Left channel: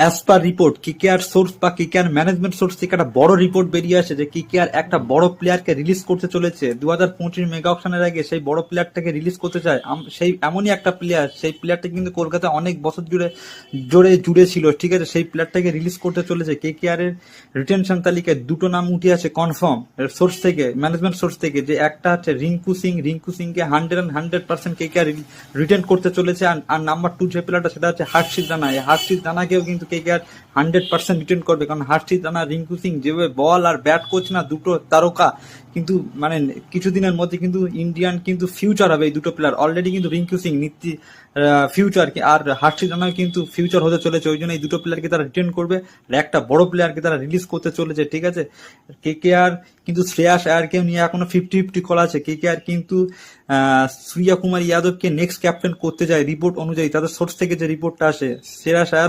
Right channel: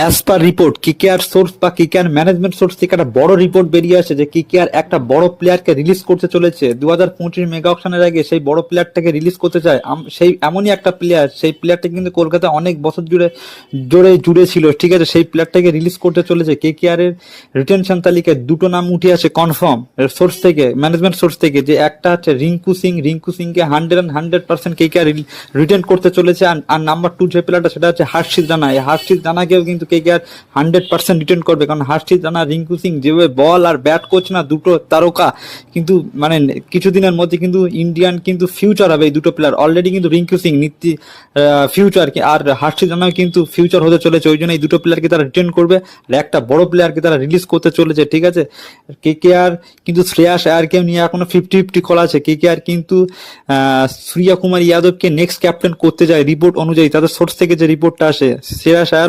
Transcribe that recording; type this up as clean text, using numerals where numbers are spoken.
As per report KKR source বা KKR management source থেকে একটা বড় রিপোর্ট বেরিয়ে আসে যে কেকেআর একটা বড় প্লেয়ারকে রিলিজ করতে চলেছে 2025 মেগা অকশনের আগে। সেই বড় প্লেয়ারটাকে রিলিজ করতে চায়। সেই এমনই একটা প্লেয়ার, সেই প্লেয়ারটা কিন্তু কলকাতায় অনেক বছর জুড়ে ছিল, ঠিক আছে। সেই প্লেয়ারটাকে রিলিজ করতে চলেছে। কেকেআর এর রিটেনশন তালিকায় দুটো নাম উঠে আসে কনফার্ম সোর্স থেকে, ম্যানেজমেন্ট সোর্স থেকে, যে একটা হচ্ছে রিঙ্কু সিংকে 100% কেকেআর রিটেন করতে চলেছে। আর নাম্বার 2 যে প্লেয়ারটা সেটা হচ্ছে হর্ষিত রানা। এই হর্ষিত রানাকেও কিন্তু কেকেআর 100% রিটেন করবে, কারণ হর্ষিত রানা, রিঙ্কু সিং যেভাবে বল আর ব্যাট করছে না, দুটো তারকা কিন্তু মানে কিছুদিনের মধ্যে কিন্তু ইন্ডিয়ান কিন্তু ফিউচার হবে। এই দুটো প্লেয়ার অলরেডি কিন্তু রিঙ্কু সিং ফিউচার, আর হর্ষিত রানাও কিন্তু ফিউচার হতে চলেছে। ওই জন্য এই দুটো প্লেয়ারকে তারা রিটেন করবে আর একটা বড় প্লেয়ারকে তারা রিলিজ করতে চলেছে, ঠিক আছে। কেকেআর কিন্তু শ্রেয়াস আয়ারকে নিয়ে এখনো 50-50 করা আছে। কেকেআর কিন্তু সূর্য কুমার যাদবকে নেক্সট ক্যাপ্টেন করতে যায় রিপোর্ট অনুযায়ী, তাদের সোর্স থেকে যে রিপোর্টটা আসে। শ্রেয়াস আয়ার